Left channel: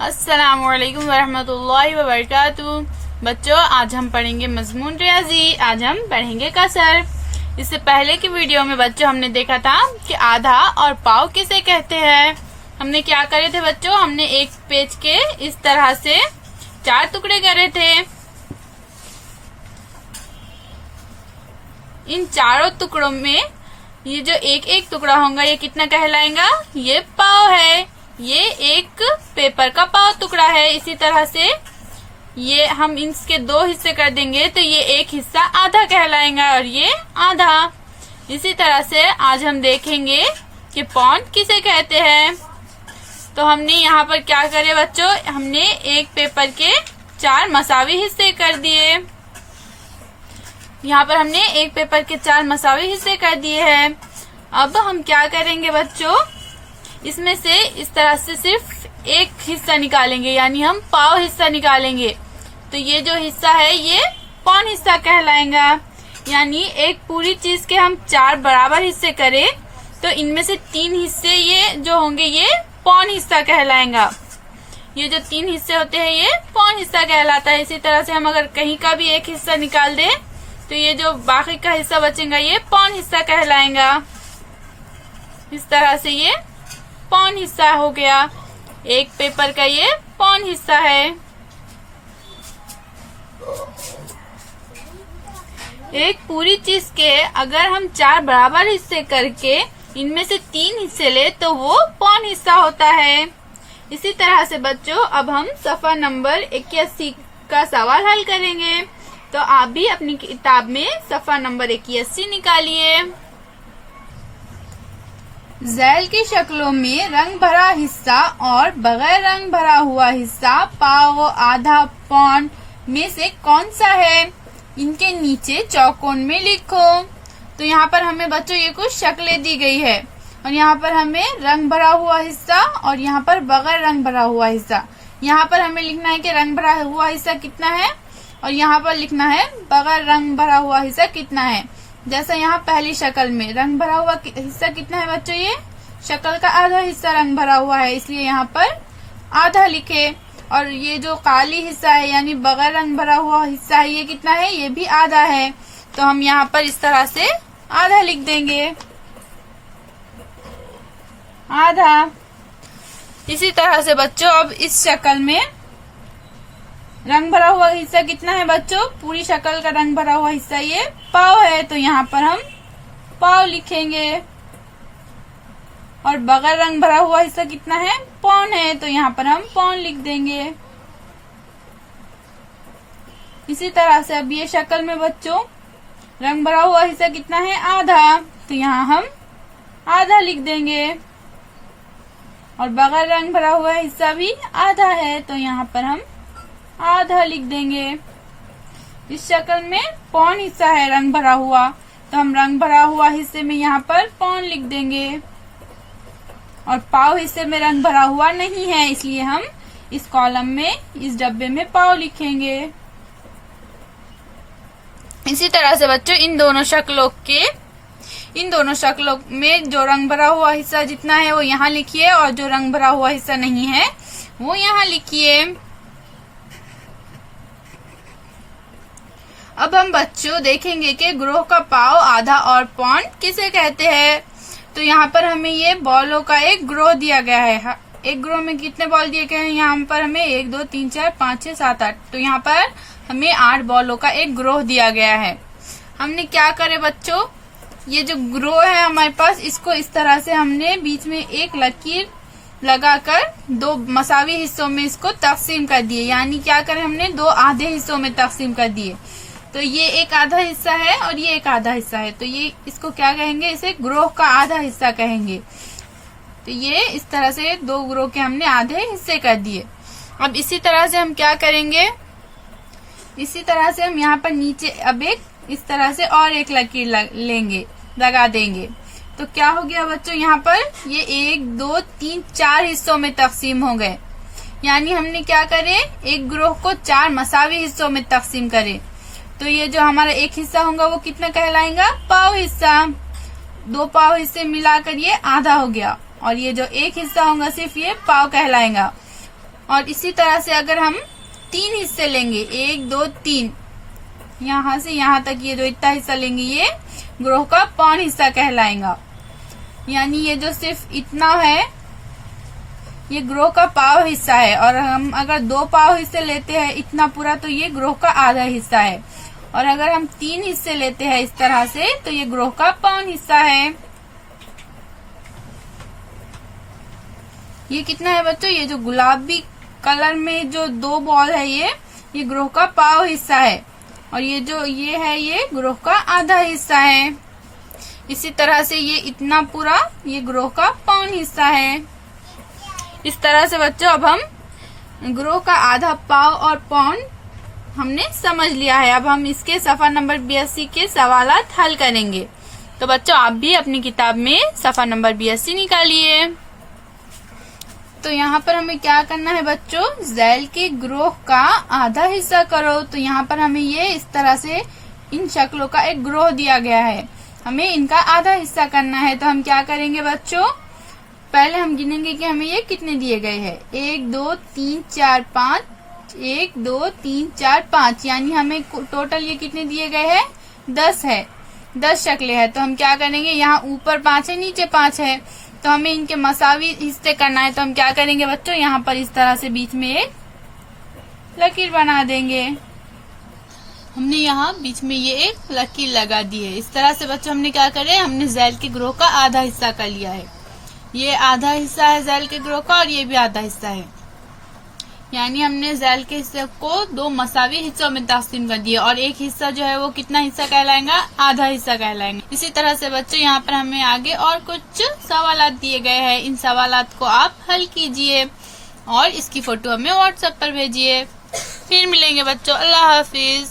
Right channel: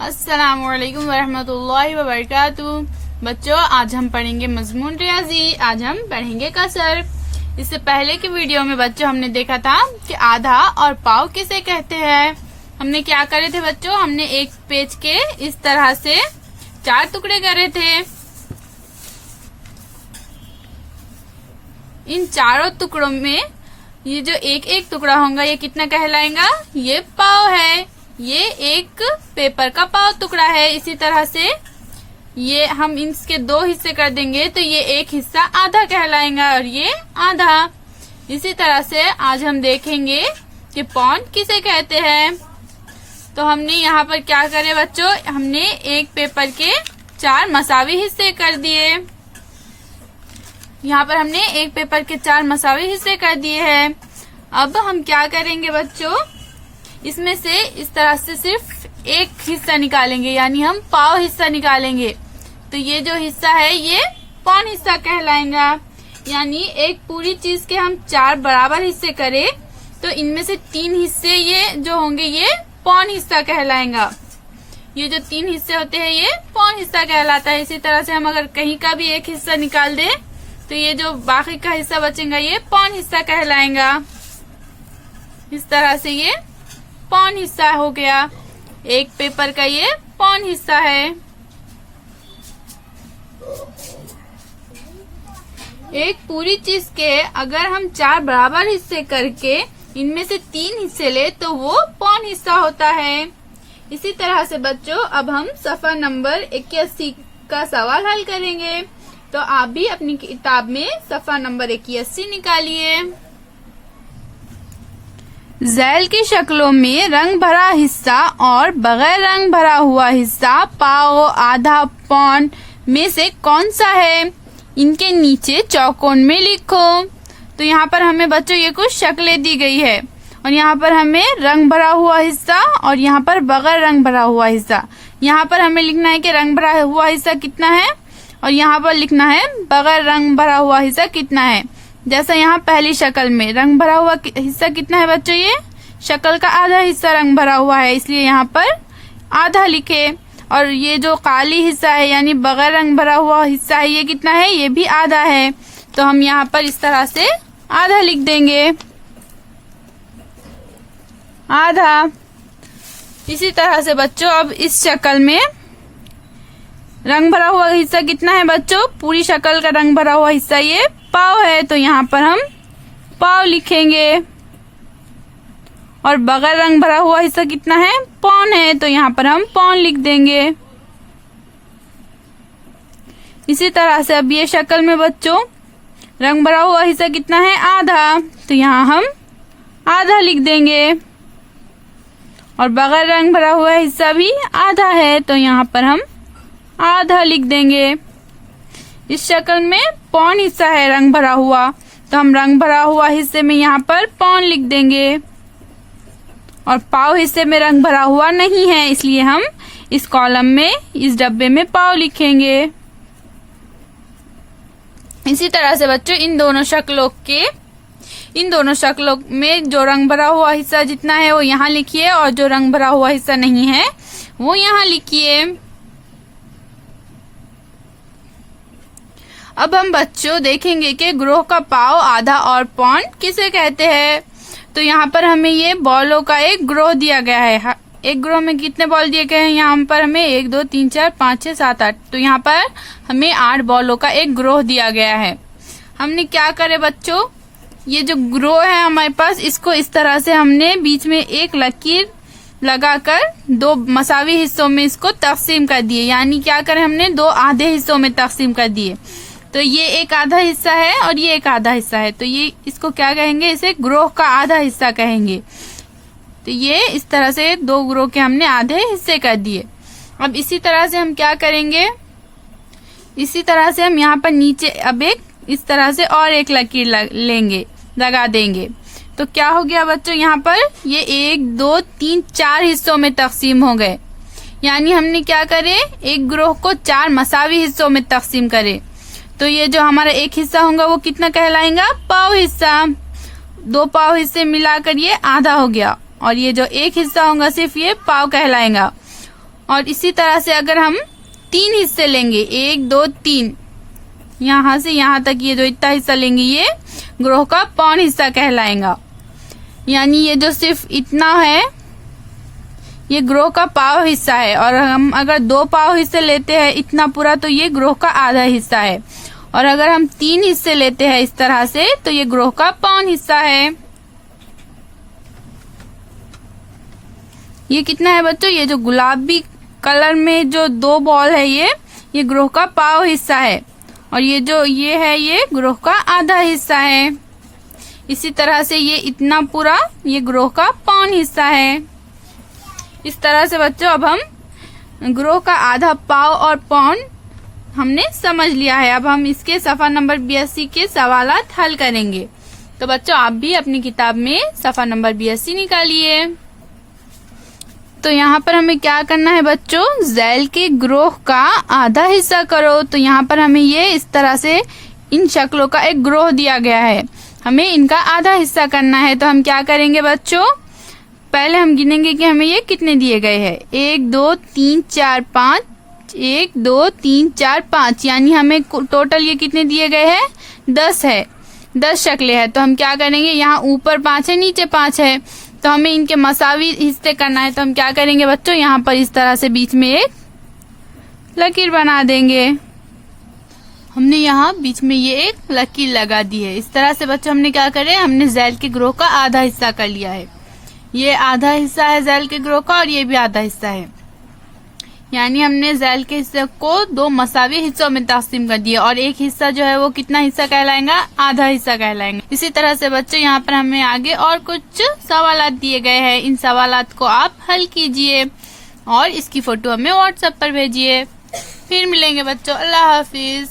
अस्सलामुअलैकुम वरहमतुल्लाहि वबरकातुहू। बच्चों, आज हम पढ़ेंगे मजमून रियाजी। आज हम पढ़ेंगे कसर। इससे पहले की वीडियो में बच्चों हमने देखा था कि आधा और पाव किसे कहते हैं। हमने क्या करे थे बच्चों, हमने एक पेज के इस तरह से 4 टुकड़े करे थे। इन चारों टुकड़ों में ये जो एक एक टुकड़ा होगा ये कितना कहलाएगा, ये पाव है। ये एक पेपर का पाव टुकड़ा है। इसी तरह से ये हम इसके 2 हिस्से कर देंगे तो ये एक हिस्सा आधा कहलाएगा और ये आधा। इसी तरह से आज हम देखेंगे कि पौंड किसे कहते हैं। तो हमने यहाँ पर क्या करे बच्चों, हमने एक पेपर के 4 मसावी हिस्से कर दिए। यहाँ पर हमने एक पेपर के 4 मसावी हिस्से कर दिए हैं। अब हम क्या करेंगे बच्चों, इसमें से इस तरह से सिर्फ एक हिस्सा निकालेंगे, यानी हम पाव हिस्सा निकालेंगे। तो ये जो हिस्सा है ये पौन हिस्सा कहलाएगा। यानी एक पूरी चीज के हम 4 बराबर हिस्से करें तो इनमें से 3 हिस्से ये जो होंगे ये पौन हिस्सा कहलाएगा। ये जो 3 हिस्से होते हैं ये पौन हिस्सा कहलाता है। इसी तरह से हम अगर कहीं का भी एक हिस्सा निकाल दें तो ये जो बाकी का हिस्सा बचेगा ये पौन हिस्सा कहलाएगा। इस तरह से ये पौन हिस्सा हो गया। एक पेपर का ये पौन हिस्सा है। एक पूरी चीज के अगर हम 4 बराबर हिस्से करके इनमें से 3 हिस्से ले तो वो पौन हिस्सा होता है। इसी तरह से बच्चों अब हम सफा नंबर 81 का सवाल हल करेंगे। तो आप भी अपनी किताब में सफा नंबर 81 निकालिए। झैल की शक्लों में रंग भरा हिस्सा और बगैर रंग भरा हुआ हिस्सा पाव, आधा, पौन में से कौन सा है, इनके नीचे चौकोन में लिखो। तो यहाँ पर हमें बच्चों ये कुछ शक्लें दी गई है और यहाँ पर हमें रंग भरा हुआ हिस्सा और यहाँ पर बगैर रंग भरा हुआ हिस्सा। यहाँ पर हमें लिखना है कि रंग भरा हुआ हिस्सा कितना है और यहाँ पर लिखना है बगैर रंग भरा हुआ हिस्सा कितना है। जैसा यहाँ पहली शक्ल में रंग भरा हुआ हिस्सा कितना है बच्चों, ये शक्ल का आधा हिस्सा रंग भरा हुआ है इसलिए यहाँ पर आधा लिखे। और ये जो काली हिस्सा है यानी बगैर रंग भरा हुआ हिस्सा है ये कितना है, ये भी आधा है। तो हम यहाँ पर इस तरह से आधा लिख देंगे, आधा। इसी तरह से बच्चों अब इस शक्ल में रंग भरा हुआ हिस्सा कितना है बच्चों, पूरी शक्ल का रंग भरा हुआ हिस्सा ये पाव है तो यहाँ पर हम पाव लिखेंगे। और बगैर रंग भरा हुआ हिस्सा कितना है, पौन है तो यहाँ पर हम पौन लिख देंगे। इसी तरह से अब ये शक्ल में बच्चों रंग भरा हुआ हिस्सा कितना है, आधा, तो यहाँ हम आधा लिख देंगे। और बगैर रंग भरा हुआ हिस्सा भी आधा है तो यहाँ पर हम आधा लिख देंगे। इस शक्ल में पौन हिस्सा है रंग भरा हुआ तो हम रंग भरा हुआ हिस्से में यहाँ पर पौन लिख देंगे। और पाव हिस्से में रंग भरा हुआ नहीं है इसलिए हम इस कॉलम में इस डब्बे में पाव लिखेंगे। इसी तरह से बच्चों इन दोनों शक्लों में जो रंग भरा हुआ हिस्सा जितना है वो यहाँ लिखिए और जो रंग भरा हुआ हिस्सा नहीं है वो यहाँ लिखिए। अब हम बच्चों देखेंगे कि ग्रोह का पाव, आधा और पौन किसे कहते हैं। तो यहाँ पर हमें ये बॉलों का एक ग्रोह दिया गया है। एक ग्रोह में कितने बॉल दिए गए हैं, यहाँ पर हमें 1 2 3 4 5 6 7 8, तो यहाँ पर हमें 8 बॉलों का एक ग्रोह दिया गया है। हमने क्या करे बच्चों, ये जो ग्रोह है हमारे पास इसको इस तरह से हमने बीच में एक लकीर लगाकर 2 मसावी हिस्सों में इसको तकसीम कर दिए। यानी क्या करें, हमने 2 आधे हिस्सों में तकसीम कर दिए। तो ये एक आधा हिस्सा है और ये एक आधा हिस्सा है तो ये इसको क्या कहेंगे, इसे ग्रोह का आधा हिस्सा कहेंगे। तो ये इस तरह से 2 ग्रोह के हमने आधे हिस्से कर दिए। अब इसी तरह से हम क्या करेंगे, इसी तरह से हम यहाँ पर नीचे अब एक इस तरह से और एक लकीर लगा देंगे। तो क्या हो गया बच्चों, यहाँ पर ये 1 2 3 4 हिस्सों में तकसीम हो गए। यानी हमने क्या करे, एक ग्रोह को 4 मसावी हिस्सों में तकसीम करे। तो ये जो हमारा एक हिस्सा होगा वो कितना कहलाएगा, पाव हिस्सा। 2 पाव हिस्से मिलाकर ये आधा हो गया और ये जो एक हिस्सा होगा सिर्फ ये पाव कहलाएगा। और इसी तरह से अगर हम 3 हिस्से लेंगे, 1 2 3, यहाँ से यहाँ तक ये जो इतना हिस्सा लेंगे ये ग्रोह का पौन हिस्सा कहलाएगा। यानी ये जो सिर्फ इतना है ये ग्रोह का पाव हिस्सा है, और हम अगर 2 पाव हिस्से लेते हैं इतना पूरा तो ये ग्रोह का आधा हिस्सा है, और अगर हम 3 हिस्से लेते हैं इस तरह से तो ये ग्रोह का पौन हिस्सा है। ये कितना है बच्चों, ये जो गुलाबी कलर में जो 2 बॉल है ये ग्रोह का पाव हिस्सा है, और ये जो ये है ये ग्रोह का आधा हिस्सा है। इसी तरह से ये इतना पूरा ये ग्रोह का पौन हिस्सा है। इस तरह से बच्चों अब हम ग्रोह का आधा, पाव और पौन हमने समझ लिया है। अब हम इसके सफा नंबर 82 के सवालात हल करेंगे। तो बच्चों आप भी अपनी किताब में सफा नंबर 82 निकालिए। तो यहाँ पर हमें क्या करना है बच्चों, ज़ैल के ग्रोह का आधा हिस्सा करो। तो यहाँ पर हमें ये इस तरह से इन शक्लों का एक ग्रोह दिया गया है, हमें इनका आधा हिस्सा करना है। तो हम क्या करेंगे बच्चों, पहले हम गिनेंगे कि हमें ये कितने दिए गए हैं। 1 2 3 4 5, 1 2 3 4 5, यानी हमें टोटल ये कितने दिए गए हैं, 10 है, 10 शक्लें हैं। तो हम क्या करेंगे, यहाँ ऊपर 5 है नीचे 5 है, तो हमें इनके मसावी हिस्से करना है। तो हम क्या करेंगे बच्चों, यहाँ पर इस तरह से बीच में एक लकीर बना देंगे। हमने यहाँ बीच में ये एक लकीर लगा दी है। इस तरह से बच्चों हमने क्या करे, हमने ज़ैल के ग्रोह का आधा हिस्सा कर लिया है। ये आधा हिस्सा है ज़ैल के ग्रोह का, और ये भी आधा हिस्सा है। यानी हमने ज़ैल के हिस्से को 2 मसावी हिस्सों में तकसीम कर दिया, और एक हिस्सा जो है वो कितना हिस्सा कहलाएगा, आधा हिस्सा कहलाएगा। इसी तरह से बच्चों यहाँ पर हमें आगे और कुछ सवालात दिए गए हैं। इन सवालात को आप हल कीजिए और इसकी फोटो हमें व्हाट्सएप पर भेजिए। फिर मिलेंगे बच्चों, अल्लाह हाफिज।